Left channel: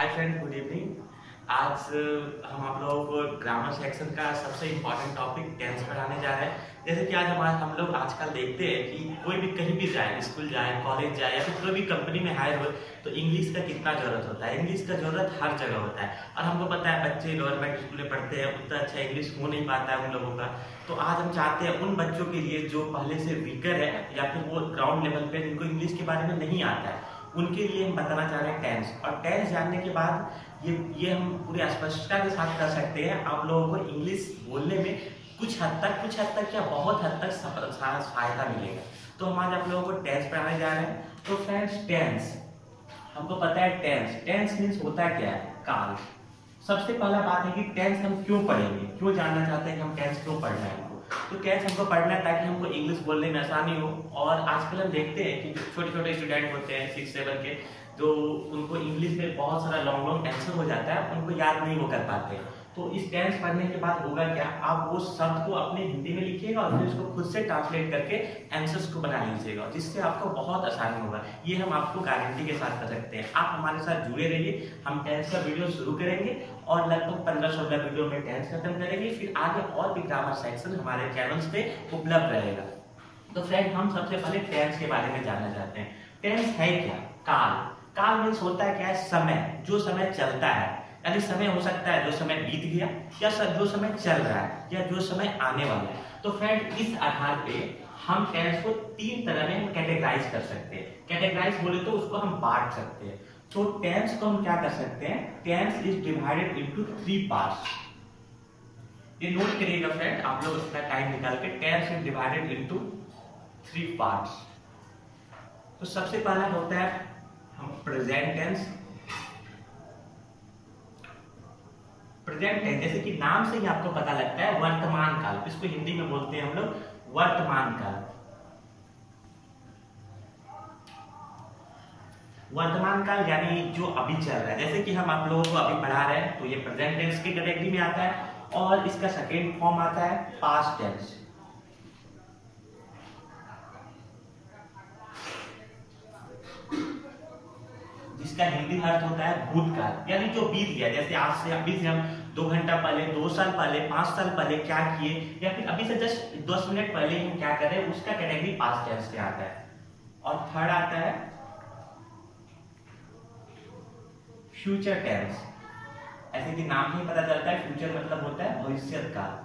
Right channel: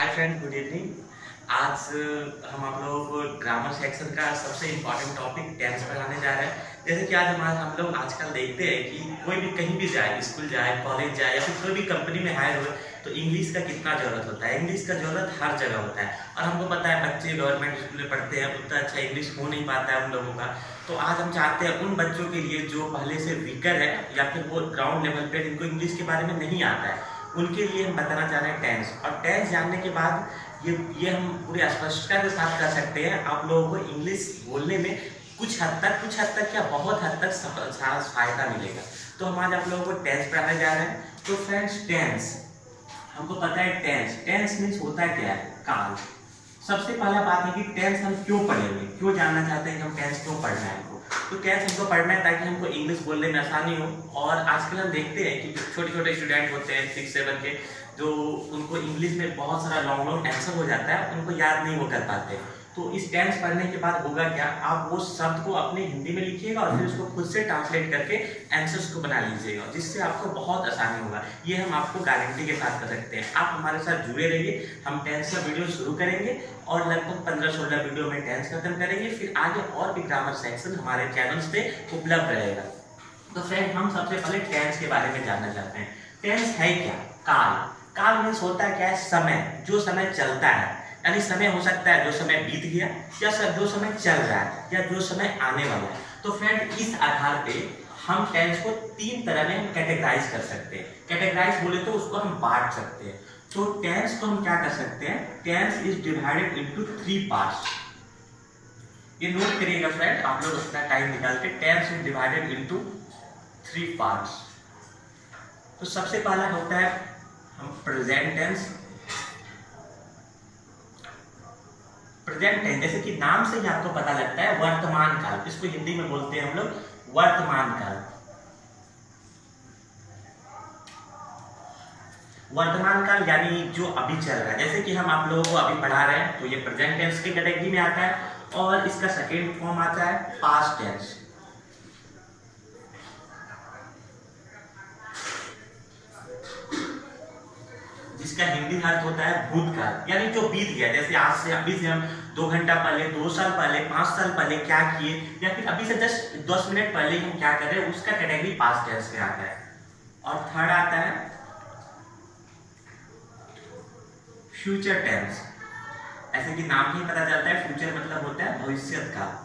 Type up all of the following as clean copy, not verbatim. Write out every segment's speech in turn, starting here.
Hi friend, good evening. आज हम आप लोगों को ग्रामर सेक्शन का सबसे इम्पोर्टेंट टॉपिक टेंस पढ़ाने जा रहे हैं। जैसे कि आज हम लोग आजकल देखते हैं कि कोई भी कहीं भी जाए, स्कूल जाए, कॉलेज जाए या फिर कोई भी कंपनी में हायर हो, तो इंग्लिश का कितना ज़रूरत होता है। इंग्लिश का ज़रूरत हर जगह होता है और हमको पता है बच्चे गवर्नमेंट स्कूल में पढ़ते हैं, उतना अच्छा इंग्लिश हो नहीं पाता है उन लोगों का। तो आज हम चाहते हैं उन बच्चों के लिए जो पहले से वीकर है या फिर वो ग्राउंड लेवल पे जिनको इंग्लिश के बारे में नहीं आता है, उनके लिए हम बताना चाह रहे हैं टेंस। और टेंस जानने के बाद ये हम पूरी स्पष्टता के साथ कर सकते हैं आप लोगों को इंग्लिश बोलने में कुछ हद तक क्या बहुत हद तक सहायता मिलेगा। तो हम आज आप लोगों को टेंस पढ़ाने जा रहे हैं। तो फ्रेंड्स, टेंस हमको पता है, टेंस मीन्स होता है क्या है, काल। सबसे पहला बात है कि टेंस हम क्यों पढ़ेंगे, क्यों जानना चाहते हैं कि हम टेंस क्यों पढ़ना है हमको। तो टेंस हमको पढ़ना है ताकि हमको इंग्लिश बोलने में आसानी हो। और आजकल हम देखते हैं कि छोटे छोटे स्टूडेंट होते हैं 6-7 के, जो उनको इंग्लिश में बहुत सारा लॉन्ग आंसर हो जाता है, उनको याद नहीं वो कर पाते। तो इस टेंस पढ़ने के बाद होगा क्या, आप वो शब्द को अपने हिंदी में लिखिएगा और फिर उसको खुद से ट्रांसलेट करके आंसर्स को बना लीजिएगा, जिससे आपको बहुत आसानी होगा। ये हम आपको गारंटी के साथ कर सकते हैं। आप हमारे साथ जुड़े रहिए। हम टेंस का वीडियो शुरू करेंगे और लगभग 15-16 वीडियो में टेंस खत्म करेंगे। फिर आगे और भी ग्रामर सेक्शन हमारे चैनल्स पे उपलब्ध रहेगा। तो फ्रेंड, हम सबसे पहले टेंस के बारे में जानना चाहते हैं। टेंस है क्या? काल। काल मीन्स होता है क्या है, समय, जो समय चलता है। यानी समय हो सकता है जो समय बीत गया, या जो समय चल रहा है, या जो समय आने वाला है। तो फ्रेंड, इस आधार पे हम टेंस को 3 तरह में हम कैटेगराइज कर सकते हैं। कैटेगराइज बोले तो उसको हम बांट सकते हैं। तो टेंस को हम क्या कर सकते हैं, tense is divided into 3 parts. ये नोट करिएगा फ्रेंड, आप लोग अपना टाइम निकाल के। Tense is divided into 3 parts. तो सबसे पहला होता है हम प्रेजेंट टेंस। प्रेजेंट टेंस जैसे कि नाम से ही आपको पता लगता है, वर्तमान काल। इसको हिंदी में बोलते हैं हम लोग वर्तमान काल। वर्तमान काल यानी जो अभी चल रहा है। जैसे कि हम आप लोगों को अभी पढ़ा रहे हैं, तो ये प्रेजेंट टेंस की कैटेगरी में आता है। और इसका सेकेंड फॉर्म आता है पास्ट टेंस, जिसका हिंदी अर्थ होता है भूतकाल, यानी जो बीत गया। जैसे आज से अभी से हम 2 घंटा पहले, 2 साल पहले, 5 साल पहले क्या किए, या फिर अभी से 10 मिनट पहले हम क्या कर रहे हैं, उसका कैटेगरी पास्ट टेंस में आता है। और थर्ड आता है फ्यूचर टेंस। ऐसे कि नाम ही पता चलता है, फ्यूचर मतलब होता है भविष्य काल।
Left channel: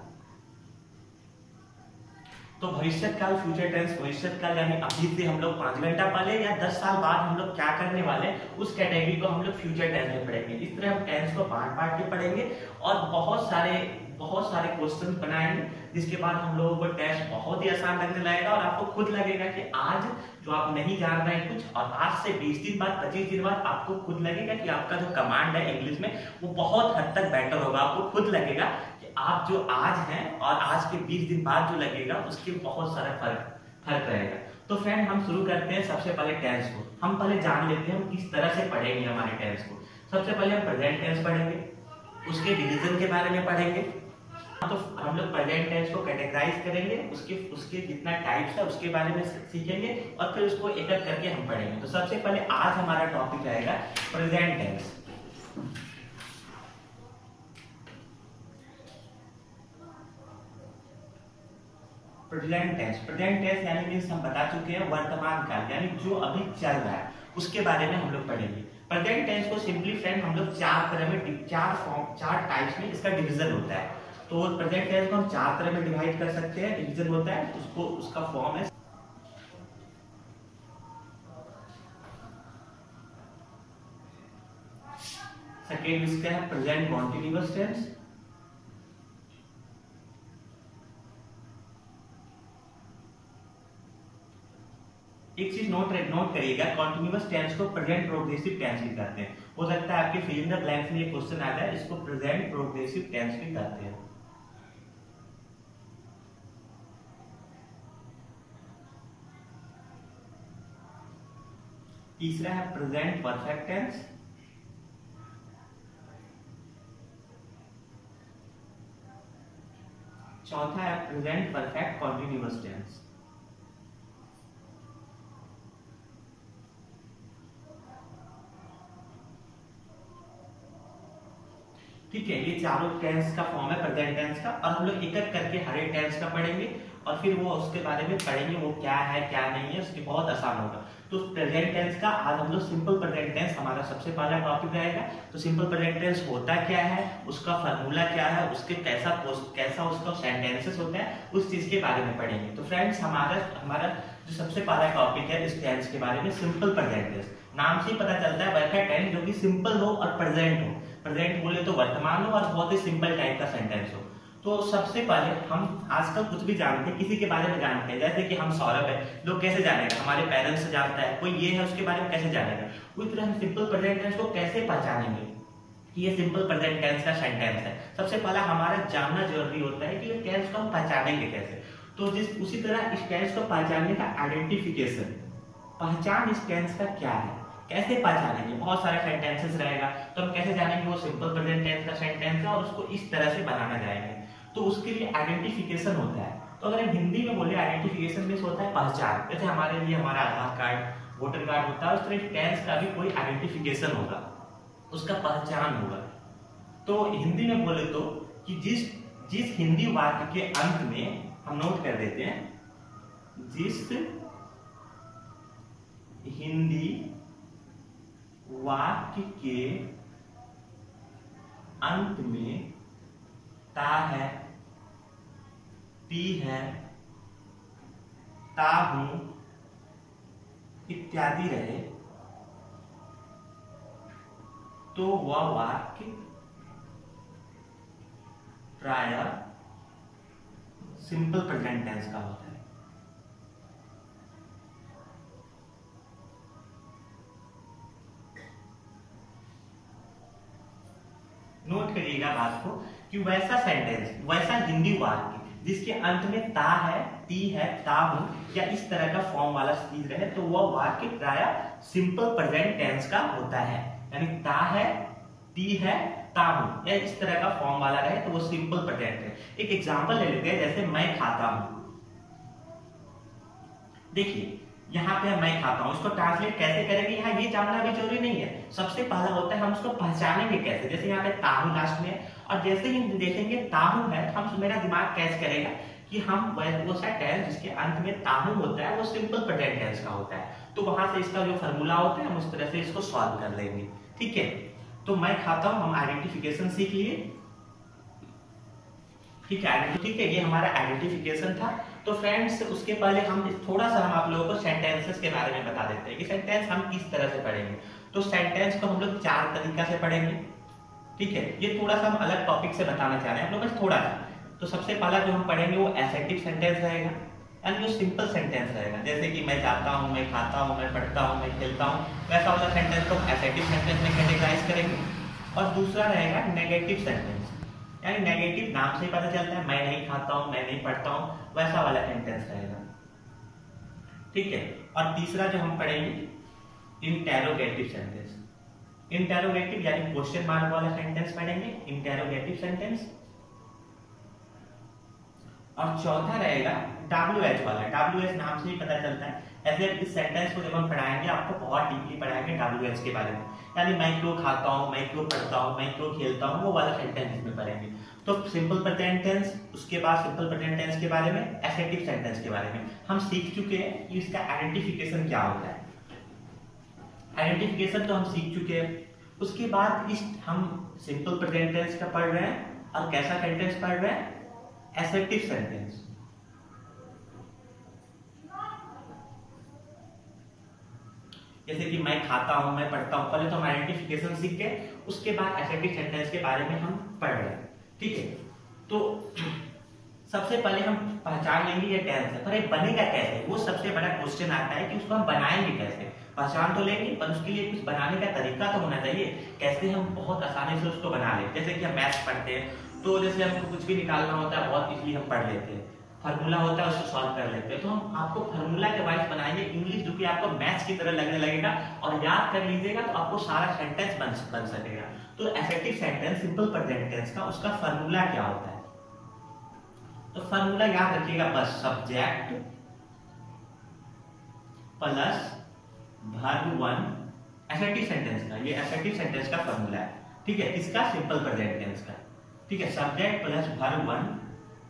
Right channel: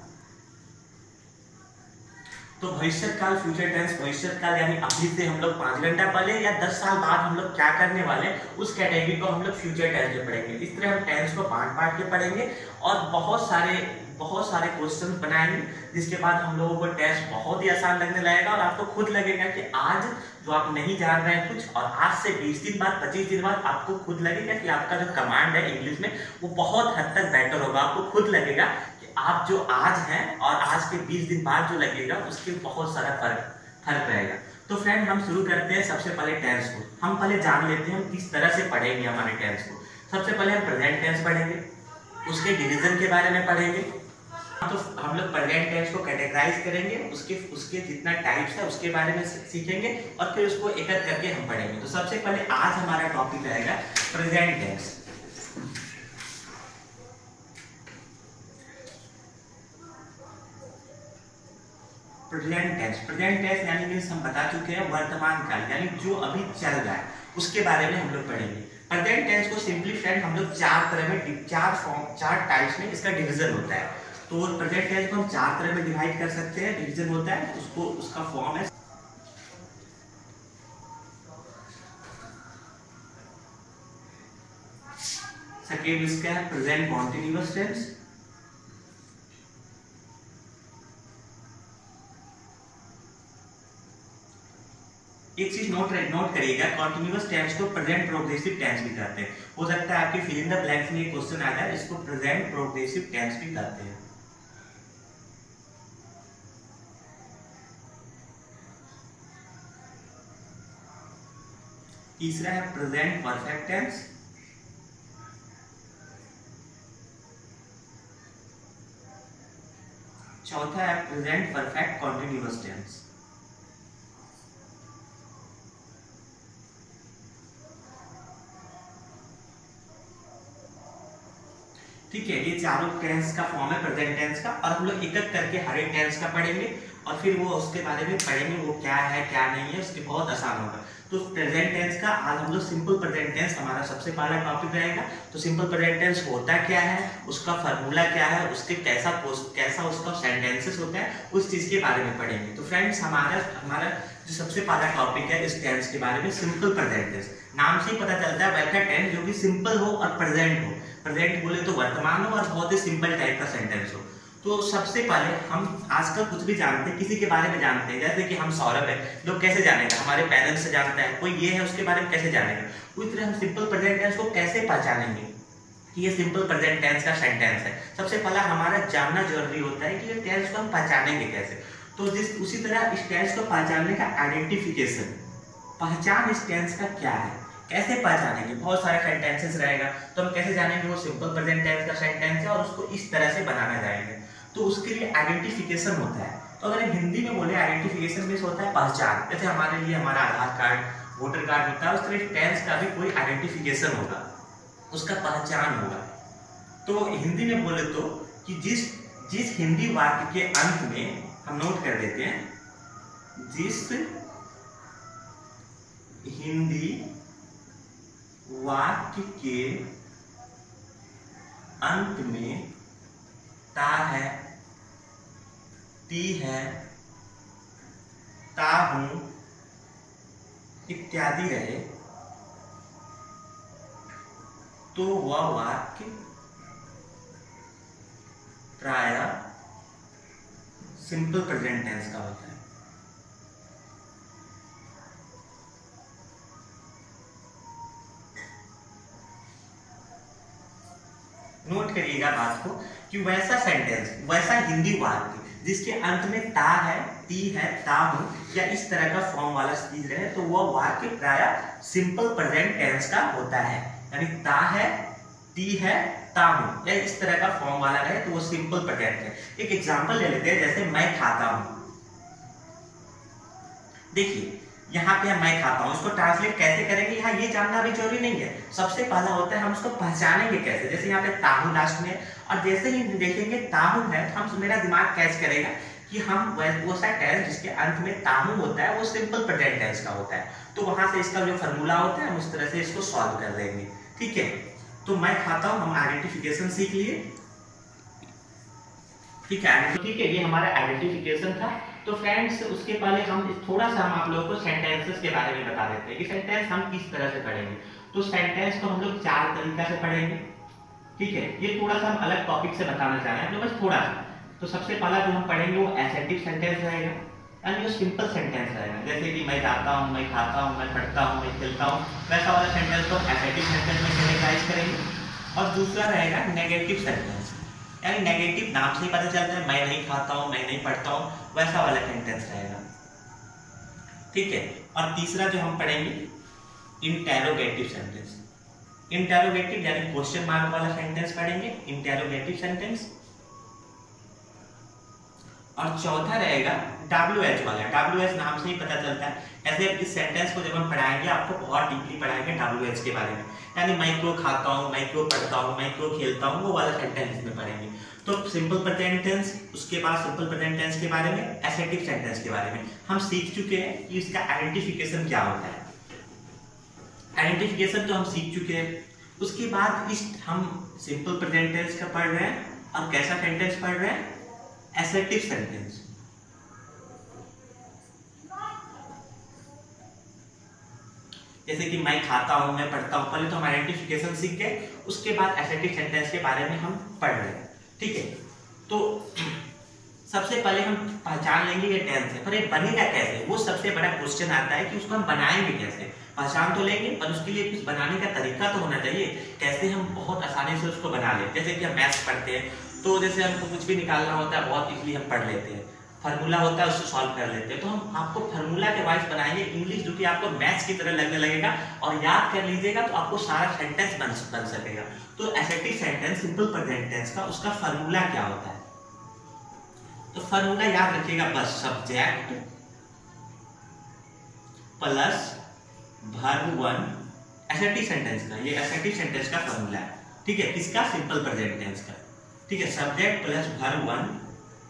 तो भविष्य काल, फ्यूचर टेंस, भविष्य काल यानी अभी से हम लोग 5 घंटा पहले या 10 साल बाद हम लोग क्या करने वाले, उस कैटेगरी को हम लोग फ्यूचर टेंस में पढ़ेंगे। इस तरह हम टेंस को बांट के पढ़ेंगे और बहुत सारे क्वेश्चन बनाएंगे, जिसके बाद हम लोगों को टेस्ट बहुत ही आसान लगने लगेगा। और आपको खुद लगेगा कि आज जो आप नहीं जान रहे हैं कुछ, और आज से 20 दिन बाद, 25 दिन बाद आपको खुद लगेगा कि आपका जो कमांड है इंग्लिश में वो बहुत हद तक बेटर होगा। आपको खुद लगेगा आप जो आज हैं और आज के 20 दिन बाद जो लगेगा उसके बहुत सारा फर्क रहेगा। तो फ्रेंड, हम शुरू करते हैं सबसे पहले टेंस को। हम पहले जान लेते हैं हम किस तरह से पढ़ेंगे हमारे टेंस को। सबसे पहले हम प्रेजेंट टेंस पढ़ेंगे, उसके डिवीजन के बारे में पढ़ेंगे। तो हम लोग प्रेजेंट टेंस को कैटेगराइज करेंगे, उसके जितना टाइप्स है उसके बारे में सीखेंगे और फिर उसको एक एक करके हम पढ़ेंगे। तो सबसे पहले आज हमारा टॉपिक रहेगा प्रेजेंट टेंस। प्रेजेंट टेंस यानी मीन्स हम बता चुके हैं वर्तमान काल, यानी जो अभी चल रहा है उसके बारे में हम लोग पढ़ेंगे। प्रेजेंट टेंस को सिंपली फ्रेंड हम लोग 4 तरह में, 4 टाइप्स में इसका डिवीजन होता है। तो प्रेजेंट टेंस को हम 4 तरह में डिवाइड कर सकते हैं, डिवीजन होता है उसका फॉर्म है। सेकेंड इसका है प्रेजेंट कॉन्टिन्यूअस टेंस। एक चीज नोट करिएगा, कॉन्टिन्यूअस टेंस को प्रेजेंट प्रोग्रेसिव टेंस भी कहते हैं। हो सकता है आपके फिल इन द ब्लैंक्स में एक क्वेश्चन आ जाए, इसको प्रेजेंट प्रोग्रेसिव टेंस भी कहते हैं। तीसरा है प्रेजेंट परफेक्ट टेंस। चौथा है प्रेजेंट परफेक्ट कॉन्टिन्यूअस टेंस। ठीक है, ये चारों टेंस का फॉर्म है प्रेजेंट टेंस का, और हम लोग एक एक करके हर एक टेंस का पढ़ेंगे और फिर वो उसके बारे में पढ़ेंगे वो क्या है क्या नहीं है, उसके बहुत आसान होगा। तो प्रेजेंट टेंस का आज हम लोग सिंपल प्रेजेंट टेंस हमारा सबसे पहला टॉपिक रहेगा। तो सिंपल प्रेजेंट टेंस होता क्या है, उसका फार्मूला क्या है, उसके कैसा उसका सेंटेंसेस होता है, उस चीज के बारे में पढ़ेंगे। तो फ्रेंड्स हमारा जो सबसे पहला टॉपिक है इस टेंस के बारे में सिंपल प्रेजेंट टेंस। नाम से ही पता चलता है वैसा टेंस जो कि सिंपल हो और प्रेजेंट हो। प्रेजेंट बोले तो वर्तमान हो और बहुत ही सिंपल टाइप का सेंटेंस हो। तो सबसे पहले हम आजकल कुछ भी जानते हैं, किसी के बारे में जानते हैं, जैसे कि हम सौरभ है, लोग कैसे जानेगा, हमारे पेरेंट्स से जानता है, कोई ये है उसके बारे में कैसे जानेगा। उसी तरह हम सिंपल प्रेजेंट टेंस को कैसे पहचानेंगे कि ये सिंपल प्रेजेंट टेंस का सेंटेंस है। सबसे पहला हमारा जानना जरूरी होता है कि ये टेंस को हम पहचानेंगे कैसे। तो उसी तरह इस टेंस को पहचानने का आइडेंटिफिकेशन, पहचान इस टेंस का क्या है, कैसे पहचानेंगे। बहुत सारे सेंटेंसेस रहेगा तो हम कैसे जानेंगे वो सिंपल प्रेजेंट टेंस का सेंटेंस है और उसको इस तरह से बनाना जाएंगे। तो उसके लिए आइडेंटिफिकेशन होता है। तो अगर हिंदी में बोले आइडेंटिफिकेशन मीन्स होता है पहचान। जैसे हमारे लिए हमारा आधार कार्ड, वोटर कार्ड होता है, उस तरह टेंस का भी कोई आइडेंटिफिकेशन होगा, उसका पहचान होगा। तो हिंदी में बोले तो कि जिस हिंदी वाक्य के अंत में हम नोट कर देते हैं, जिस हिंदी वाक्य के अंत में ता है, ती है, ता हूं इत्यादि रहे तो वह वाक्य प्रायः सिंपल प्रेजेंट टेंस का होता है। नोट करिएगा बात को कि वैसा सेंटेंस, वैसा हिंदी वाक्य जिसके अंत में ता है, ती है, ता हूं या इस तरह का फॉर्म वाला चीज रहे तो वह वाक्य प्रायः सिंपल प्रेजेंट टेंस का होता है। यानी ता है, ती है, ता हूं या इस तरह का फॉर्म वाला रहे तो वो सिंपल प्रेजेंट है। एक एग्जांपल ले लेते हैं, जैसे मैं खाता हूं। देखिए यहाँ पे मैं खाता हूँ, उसको ट्रांसलेट कैसे करेंगे यहाँ ये जानना भी जरूरी नहीं है। सबसे पहला होता है हम उसको पहचानेंगे कैसे। जैसे यहाँ पे ताहू लास्ट में, और जैसे ही देखेंगे ताहू है तो हम मेरा दिमाग कैच करेगा कि हम वो सा टेंस जिसके अंत में ताहू होता है वो सिंपल प्रेजेंट टेंस का होता है। तो वहां से इसका जो फॉर्मूला होता है हम उस तरह से इसको सॉल्व कर लेंगे। ठीक है, तो मैं खाता हूँ, हम आइडेंटिफिकेशन सीख लिए। ठीक है, ये हमारा आइडेंटिफिकेशन था। तो फ्रेंड्स उसके पहले हम थोड़ा सा हम आप लोगों को सेंटेंसेस के बारे में बता देते हैं कि सेंटेंस हम किस तरह से पढ़ेंगे। तो सेंटेंस को हम लोग 4 तरीका से पढ़ेंगे। ठीक है, ये थोड़ा सा हम अलग टॉपिक से बताना चाह रहे हैं, बस थोड़ा सा। तो सबसे पहला जो हम पढ़ेंगे वो एसेटिव सेंटेंस रहेगा, यानी वो सिंपल सेंटेंस रहेगा। जैसे कि मैं जाता हूँ, मैं खाता हूँ, मैं पढ़ता हूँ, मैं खेलता हूँ, वैसा वाला सेंटेंस को एसेटिव सेंटेंस में कैटेगराइज करेंगे। और दूसरा रहेगा नेगेटिव सेंटेंस, यानी नेगेटिव नाम से ही पता चलता है, मैं नहीं खाता हूँ, मैं नहीं पढ़ता हूँ, वैसा वाला सेंटेंस रहेगा। ठीक है, और तीसरा जो हम पढ़ेंगे इंटेरोगेटिव सेंटेंस। इंटेरोगेटिव यानी क्वेश्चन मार्क वाला सेंटेंस पढ़ेंगे, इंटेरोगेटिव सेंटेंस। और चौथा रहेगा WH वाला। WH नाम से ही पता चलता है। ऐसे इस सेंटेंस को जब हम पढ़ाएंगे आपको बहुत डीपली पढ़ाएंगे WH के बारे में, यानी मैं क्यों खाता हूँ, मैं क्यों पढ़ता हूँ, मैं क्यों खेलता हूँ, वो वाला सेंटेंस इसमें पढ़ेंगे। तो सिंपल प्रेजेंट टेंस, उसके बाद सिंपल प्रेजेंट टेंस के बारे में, एसेटिव सेंटेंस के बारे में हम सीख चुके हैं कि इसका आइडेंटिफिकेशन क्या होता है। आइडेंटिफिकेशन तो हम सीख चुके हैं। उसके बाद इस हम सिंपल प्रेजेंट टेंस का पढ़ रहे हैं और कैसा सेंटेंस पढ़ रहे हैं, एसेटिव सेंटेंस। जैसे कि मैं खाता हूं, मैं पढ़ता हूं, पहले तो हम आइडेंटिफिकेशन सीख गए, उसके बाद एसेटिव सेंटेंस के बारे में हम पढ़ रहे हैं। ठीक है, तो सबसे पहले हम पहचान लेंगे ये टेंस है, पर ये बनेगा कैसे, वो सबसे बड़ा क्वेश्चन आता है कि उसको हम बनाएंगे कैसे। पहचान तो लेंगे पर उसके लिए कुछ बनाने का तरीका तो होना चाहिए, कैसे हम बहुत आसानी से उसको बना लें। जैसे कि हम मैथ्स पढ़ते हैं तो जैसे हमको कुछ भी निकालना होता है बहुत इजीली हम पढ़ लेते हैं, फार्मूला होता है उसको सॉल्व कर लेते हैं। तो हम आपको फार्मूला के वाइज बनाएंगे इंग्लिश, जो कि आपको मैथ्स की तरह लगने लगेगा, और याद कर लीजिएगा तो आपको सारा सेंटेंस बन सकेगा। तो assertive sentence simple present tense का उसका फार्मूला क्या होता है, तो फार्मूला याद रखिएगा, बस subject plus verb 1 assertive sentence का, ये एसेटिव सेंटेंस का फार्मूला है। ठीक है, किसका? सिंपल प्रेजेंट टेंस का। ठीक है, सब्जेक्ट प्लस वर्ब वन,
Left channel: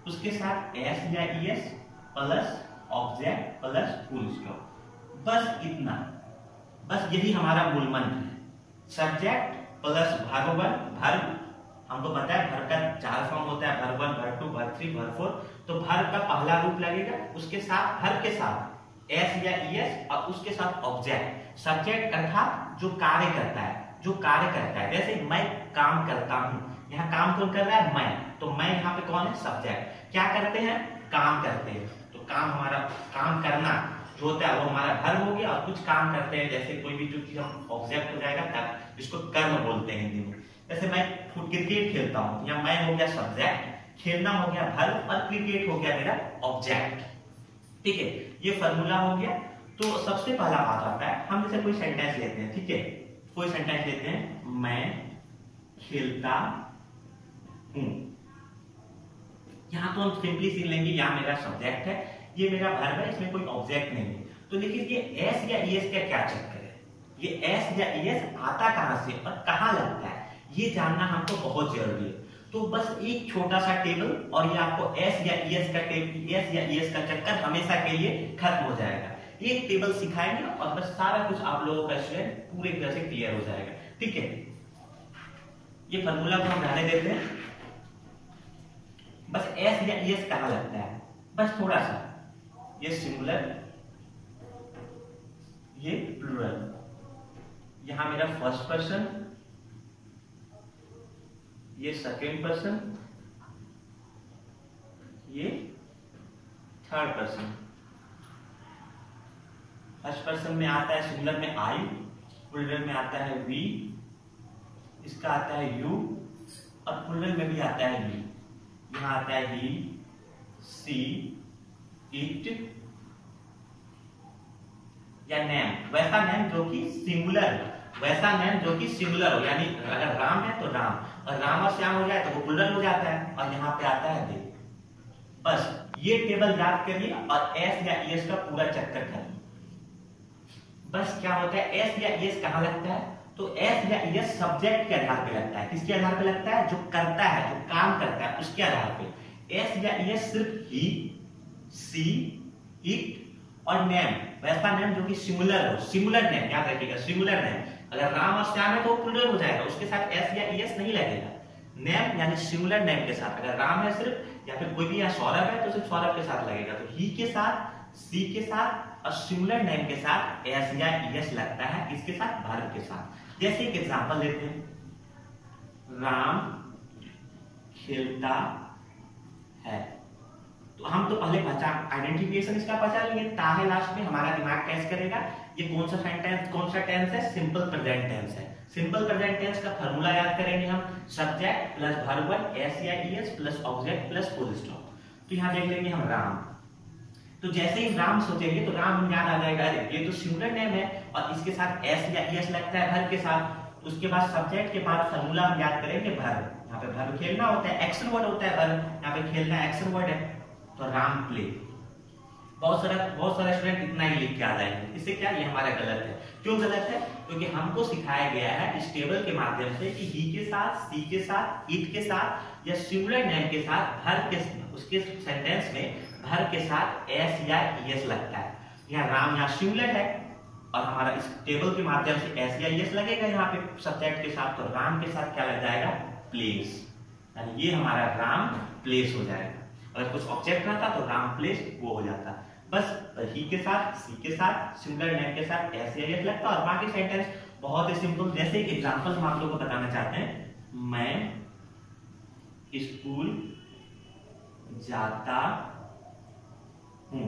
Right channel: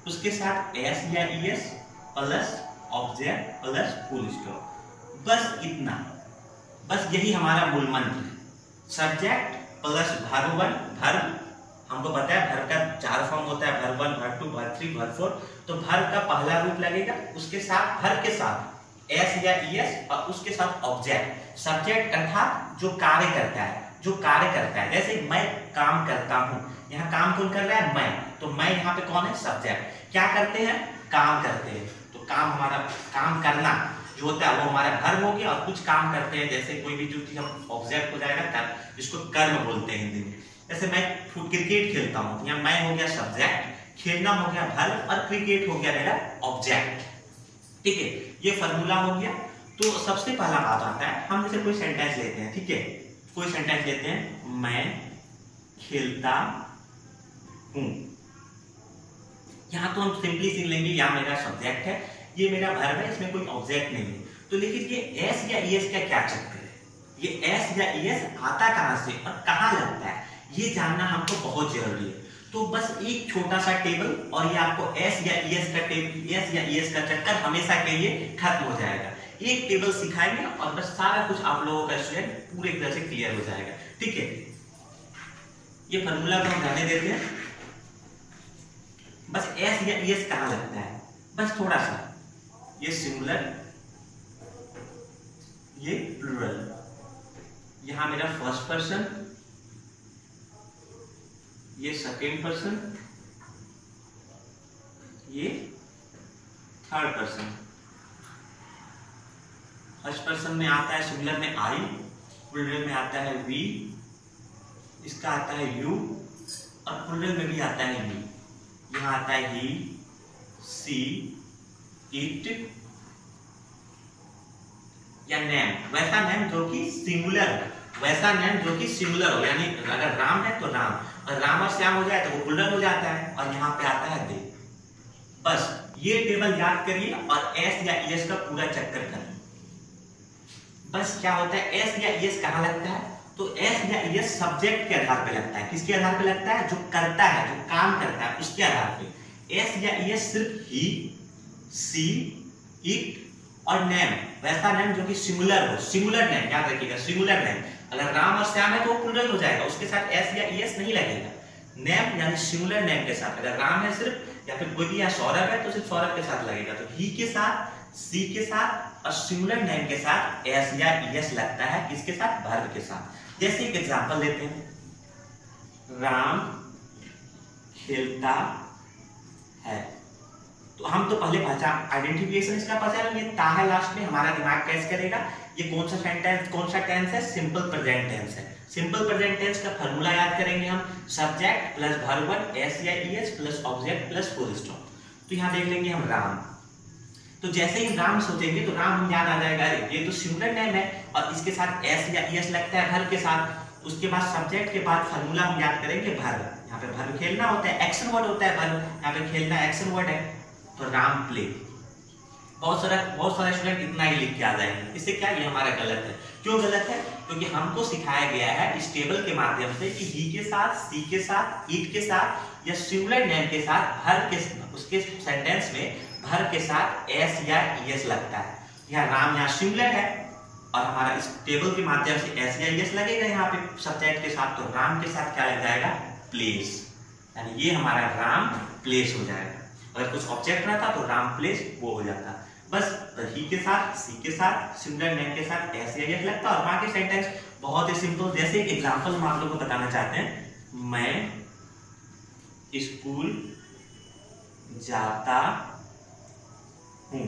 उसके साथ एस या ES plus object plus full stop. बस इतना, बस यही हमारा मूल मंत्र है। Subject plus verb one, verb हमको पता है वर्ब का 4 फॉर्म होता है, verb one, verb two, verb three, verb four. तो वर्ब का पहला रूप लगेगा, उसके साथ वर्ब के साथ एस या ईएस और उसके साथ ऑब्जेक्ट। सब्जेक्ट अर्थात जो कार्य करता है, जो कार्य करता है। जैसे मैं काम करता हूँ, यहाँ काम कौन कर रहा है? मैं। तो मैं यहाँ पे कौन है? सब्जेक्ट। क्या करते हैं? काम करते हैं। तो काम, हमारा काम करना जो होता है वो हमारा वर्ब हो गया। और कुछ काम करते हैं, जैसे कोई भी जो चीज हम ऑब्जेक्ट हो जाएगा कर, जिसको कर्म बोलते हैं हिंदी में। जैसे मैं क्रिकेट खेलता हूँ, यहाँ मैं हो गया सब्जेक्ट, खेलना हो गया वर्ब और क्रिकेट हो गया मेरा ऑब्जेक्ट। ठीक है, ये फॉर्मूला हो गया। तो सबसे पहला बात आता है, हम जैसे कोई सेंटेंस लेते हैं, ठीक है, कोई सेंटेंस लेते हैं, मैं खेलता हूं। यहां तो हम सिंपली सी लेंगे, यहाँ मेरा सब्जेक्ट है, ये मेरा वर्ब है, इसमें कोई ऑब्जेक्ट नहीं है। तो लेकिन ये एस या ईएस का क्या चक्कर है? ये एस या ईएस आता कहां से और कहां लगता है, ये जानना हमको बहुत जरूरी है। तो बस एक छोटा सा टेबल और ये आपको एस या ईएस का एस या ईएस का चक्कर हमेशा के लिए खत्म हो जाएगा। एक टेबल सिखाएंगे और बस सारा कुछ आप लोगों का स्टूडेंट पूरी तरह से क्लियर हो जाएगा। ठीक है, ये फॉर्मूला को हम जाने देते हैं। बस एस या ईएस कहां लगता है, बस थोड़ा सा, ये सिंगुलर, ये प्लूरल, यहां मेरा फर्स्ट पर्सन, ये सेकेंड पर्सन, ये थर्ड पर्सन। फर्स्ट पर्सन में आता है सिंगुलर में आई, प्लूरल में आता है वी, इसका आता है यू और प्लूरल में भी आता है वी। यहाँ आता है ही, सी, इट या नेम, वैसा नेम जो कि सिंगुलर, वैसा नेम जो कि सिंगुलर हो, यानी अगर राम है तो राम, और राम और श्याम हो जाए तो वो प्लूरल हो जाता है, और यहाँ पे आता है दे। बस ये टेबल याद करिए और एस या ईएस का पूरा चक्कर करिए। बस क्या होता है, एस या ईएस कहाँ लगता है? तो एस या ईएस सब्जेक्ट के आधार पे लगता है। किसके आधार पे लगता है? जो करता है, जो काम करता है उसके आधार पे। एस या ईएस सिर्फ ही, सी, इट और नेम, वैसा नेम जो कि सिंगुलर हो, सिंगुलर नेम याद रखिएगा, सिंगुलर नेम। अगर राम और श्याम है तो वो प्लूरल हो जाएगा, उसके साथ एस या ईएस नहीं लगेगा। नेम यानी सिंगुलर नेम के साथ, अगर राम है सिर्फ, या फिर कोई भी यहाँ सौरभ है तो सिर्फ सौरभ के साथ लगेगा। तो ही के साथ, सी के साथ और सिंगुलर नेम के साथ एस या ईएस लगता है। किसके साथ? वर्ब के साथ। जैसे एक एग्जांपल लेते हैं, राम खेलता है, तो हम तो पहले पहचान, आइडेंटिफिकेशन इसका पहचान लेंगे, ता है लास्ट में, हमारा दिमाग कैच करेगा ये कौन सा सेंटेंस, कौन सा टेंस है? सिंपल प्रेजेंट टेंस है। सिंपल प्रेजेंट टेंस का फॉर्मूला याद करेंगे हम, subject plus verb one, S या ES plus object plus full stop. तो यहाँ देख लेंगे हम राम, तो जैसे ही राम सोचेंगे तो राम याद आ जाएगा, अरे ये तो सिंगुलर नेम है और इसके साथ एस या ईएस लगता है वर्ब के साथ। उसके बाद सब्जेक्ट के बाद फॉर्मूला हम याद करेंगे वर्ब, यहाँ पे वर्ब खेलना होता है, एक्शन वर्ड होता है वर्ब, यहाँ पे खेलना एक्शन वर्ड है, तो राम प्ले। बहुत सारा स्टूडेंट इतना ही लिख के आ जाएंगे, इससे क्या ये हमारा गलत है। क्यों गलत है? क्योंकि हमको सिखाया गया है इस टेबल के माध्यम से कि ही के साथ, सी के साथ, इट के साथ या सिंगुलर नेम के साथ वर्ब के, उसके सेंटेंस में वर्ब के साथ एस या ईएस लगता है। यहाँ राम यहाँ सिंगुलर है और हमारा इस टेबल के माध्यम से एस या ईएस लगेगा यहाँ पे सब्जेक्ट के साथ, तो राम के साथ क्या लग जाएगा? प्लेस, यानी ये हमारा राम प्लेस हो जाएगा। अगर कुछ ऑब्जेक्ट रहता तो राम प्लेस वो हो जाता। बस ही के साथ, सी के साथ, सिंगुलर नेम के साथ एस या ईएस लगता और बाकी सेंटेंस बहुत ही सिंपल। जैसे एक एग्जांपल हम आप लोग को बताना चाहते हैं, मैं स्कूल जाता हूं।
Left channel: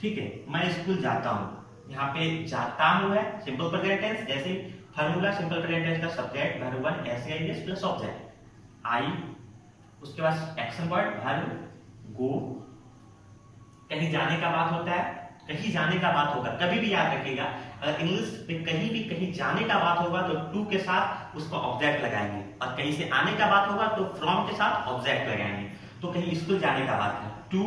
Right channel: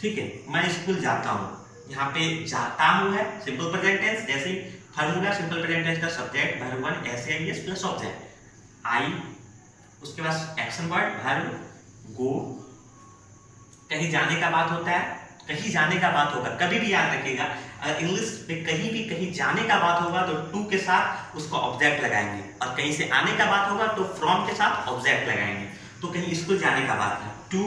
ठीक है, मैं स्कूल जाता हूं, यहाँ पे जाता हूं है सिंपल प्रेजेंट टेंस। जैसे फॉर्मूला सिंपल प्रेजेंट टेंस का सब्जेक्ट वर्ब वन, एस या ईएस प्लस ऑब्जेक्ट आई, उसके बाद एक्शन वर्ड वर्ब गो। कहीं जाने का बात होता है, कहीं जाने का बात होगा, कभी भी याद रखिएगा, अगर इंग्लिश में कहीं भी कहीं जाने का बात होगा तो टू के साथ उसको ऑब्जेक्ट लगाएंगे, और कहीं से आने का बात होगा तो फ्रॉम के साथ ऑब्जेक्ट लगाएंगे। तो कहीं स्कूल जाने का बात है, टू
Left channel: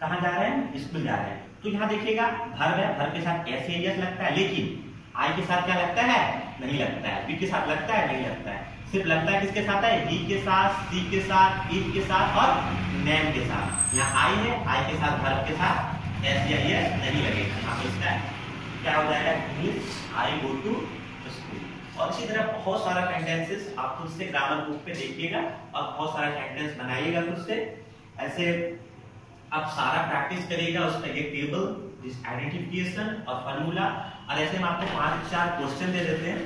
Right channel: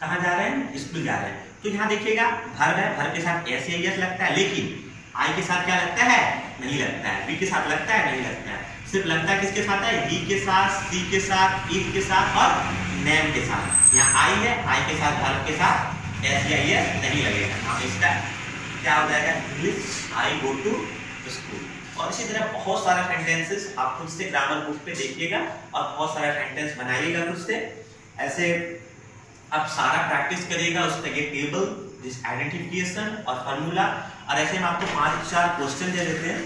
कहाँ जा रहे हैं? स्कूल जा रहे हैं। तो यहाँ देखिएगा वर्ब है, वर्ब के साथ एस या ईएस लगता है, लेकिन आई के साथ क्या लगता है? नहीं लगता है। वी के साथ लगता है, नहीं लगता है। सिर्फ लगता है किसके साथ है? ही के साथ, सी के साथ, इफ के साथ और नेम के साथ। यहाँ आई है, आई के साथ वर्ब के साथ एस या एस नहीं लगेगा। यहाँ पे इसका क्या हो जाएगा? English I go to school. और इसी तरह बहुत सारा सेंटेंसेस आप खुद से ग्रामर बुक पे देखिएगा और बहुत सारा सेंटेंस बनाइएगा खुद से। ऐसे आप सारा प्रैक्टिस करिएगा। उसमें ये टेबल, दिस आइडेंटिफिकेशन और फार्मूला, और ऐसे हम आपको 5-4 क्वेश्चन दे देते हैं,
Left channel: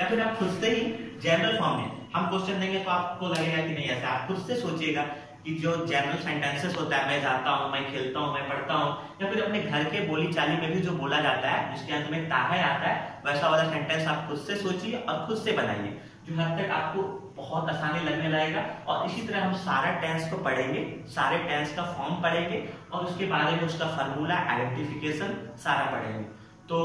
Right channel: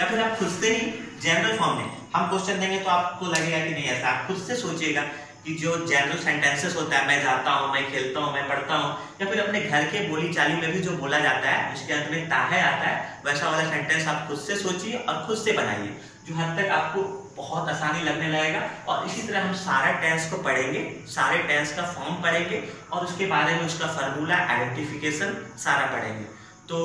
या फिर आप खुद से ही जनरल फॉर्म में हम क्वेश्चन देंगे तो आपको लगेगा कि नहीं ऐसा। आप खुद से सोचिएगा कि जो जनरल सेंटेंसेस होता है, मैं जाता हूँ, मैं खेलता हूँ, मैं पढ़ता हूँ, या फिर अपने घर के बोली चाली में भी जो बोला जाता है उसके अंत में ताहे आता है, वैसा वाला सेंटेंस आप खुद से सोचिए और खुद से बनाइए, जो हद तक आपको बहुत आसानी लगने लगेगा। और इसी तरह हम सारा टेंस को पढ़ेंगे, सारे टेंस का फॉर्म पढ़ेंगे और उसके बारे में उसका फार्मूला, आइडेंटिफिकेशन सारा पढ़ेंगे। तो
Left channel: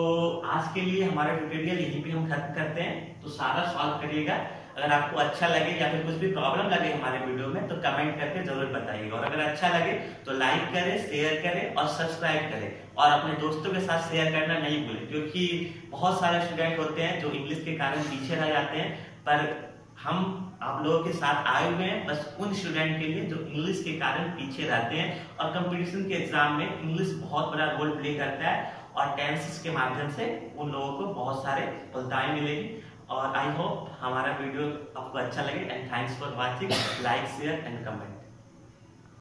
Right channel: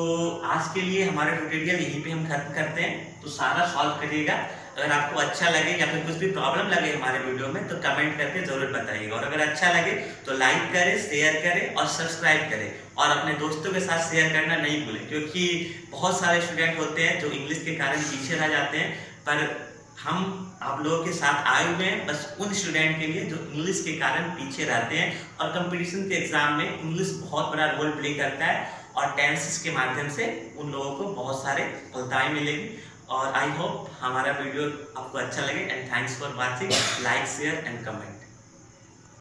आज के लिए हमारा ट्यूटोरियल यहीं पे हम खत्म करते हैं। तो सारा सॉल्व करिएगा। अगर आपको अच्छा लगे या फिर कुछ भी प्रॉब्लम लगे हमारे वीडियो में तो कमेंट करके जरूर बताइएगा। और अगर अच्छा लगे तो लाइक करें, शेयर करें और सब्सक्राइब करें, और अपने दोस्तों के साथ शेयर करना नहीं भूलें, क्योंकि बहुत सारे स्टूडेंट होते हैं जो इंग्लिश के कारण पीछे रह जाते हैं। पर हम आप लोगों के साथ आए हुए हैं बस उन स्टूडेंट के लिए जो इंग्लिश के कारण पीछे रहते हैं। और कंपटीशन के एग्जाम में इंग्लिश बहुत बड़ा रोल प्ले करता है और टेंसेस के माध्यम से उन लोगों को बहुत सारे सफलताएं मिलेगी। और आई होप हमारा वीडियो आपको अच्छा लगे। And thanks for watching. Like, share and comment.